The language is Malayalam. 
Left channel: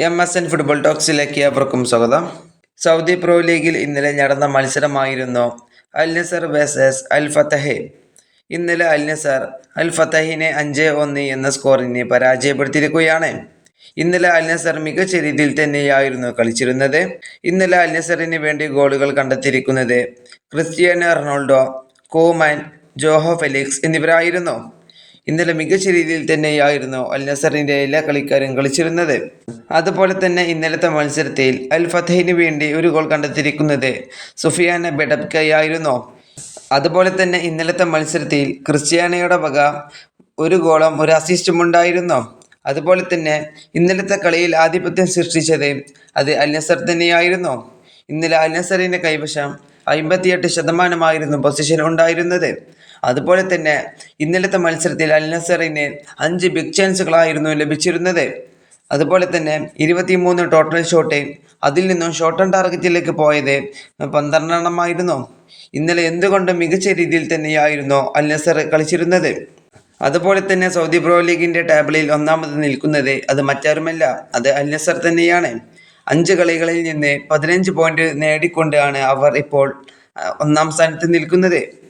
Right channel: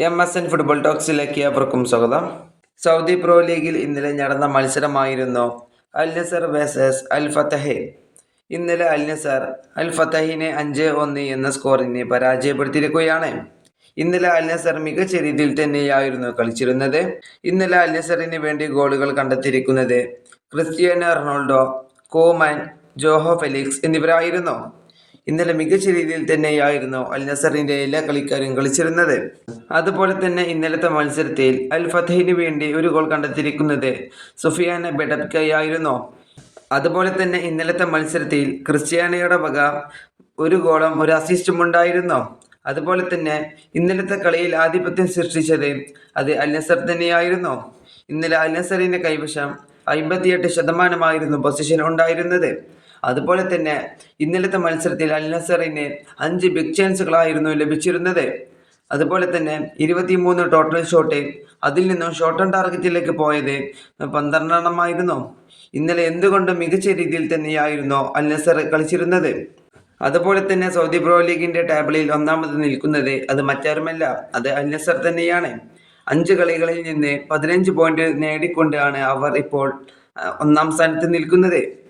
എം എസ് എൻ ഫുട്ബോൾ ടോക്സിലേക്ക് അവർക്കും സ്വാഗതം. സൗദി പ്രോ ലീഗിൽ ഇന്നലെ നടന്ന മത്സരമായിരുന്നു അൽ നസർ വേഴ്സസ് അൽ ഫത്തഹെ ഇന്നലെ അൽ നസർ അൽ ഫത്തഹിനെ അഞ്ച് ഒന്ന് എന്ന സ്കോറിനെ പരാജയപ്പെടുത്തിയിരിക്കുകയാണ്. ഇന്നലെ അൽ നസർ മികച്ച രീതിയിൽ തന്നെയായിരുന്നു കളിച്ചിരുന്നത്. ഇന്നലെ അൽ നസറിന് വേണ്ടി ഗോളുകൾ കണ്ടെത്തിയിരിക്കുന്നത് Cristiano Ronaldo Coman Joao Felix എന്നിവരായിരുന്നു. ഇന്നലെ മികച്ച രീതിയിൽ തന്നെയായിരുന്നു അൽ നസറിന്റെ എല്ലാ കളിക്കാരും കളിച്ചിരുന്നത്. അതുപോലെ തന്നെ ഇന്നലത്തെ മത്സരത്തിൽ അൽ ഫത്തഹിന് വേണ്ടി ഒരു ഗോൾ കണ്ടെത്തിയിരിക്കുന്നത് സുഫിയാന ബെഡബ്കയായിരുന്നു അതുപോലെ തന്നെ ഇന്നലത്തെ മത്സരത്തിൽ ക്രിസ്ത്യാനയുടെ വക ഒരു ഗോളും ഒരു അസിസ്റ്റും ഉണ്ടായിരുന്നു. അതുപോലെ തന്നെ ഇന്നലത്തെ കളിയിൽ ആധിപത്യം സൃഷ്ടിച്ചത് അത് അൽ നസർ തന്നെയായിരുന്നു. ഇന്നലെ അൽ നസറിന്റെ കൈവശം അമ്പത്തിയെട്ട് ശതമാനമായിരുന്നു പൊസിഷൻ ഉണ്ടായിരുന്നത്. അതുപോലെ തന്നെ ഇന്നലത്തെ മത്സരത്തിൽ അൽ നസറിന് അഞ്ച് ബിഗ് ചാൻസുകളായിരുന്നു ലഭിച്ചിരുന്നത്. അതുപോലെ തന്നെ ഇരുപത്തിമൂന്ന് ടോട്ടൽ ഷോട്ട് അതിൽ നിന്നും ഷോട്ട് ഓൺ ടാർഗറ്റിലേക്ക് പോയത് പന്ത്രണ്ടെണ്ണമായിരുന്നു. ഇന്നലെ എന്തുകൊണ്ടും മികച്ച രീതിയിൽ തന്നെയായിരുന്നു അൽ നസർ കളിച്ചിരുന്നത്? അതുപോലെ തന്നെ സൗദി പ്രോ ലീഗിന്റെ ടേബിളിൽ ഒന്നാമത് നിൽക്കുന്നത് അത് മറ്റാരുമല്ല അത് അൽ നസർ തന്നെയാണ്. അഞ്ച് കളികളിൽ നിന്ന് പതിനഞ്ച് പോയിന്റ് നേടിക്കൊണ്ടാണ് അവർ ഇപ്പോൾ ഒന്നാം സ്ഥാനത്ത് നിൽക്കുന്നത്.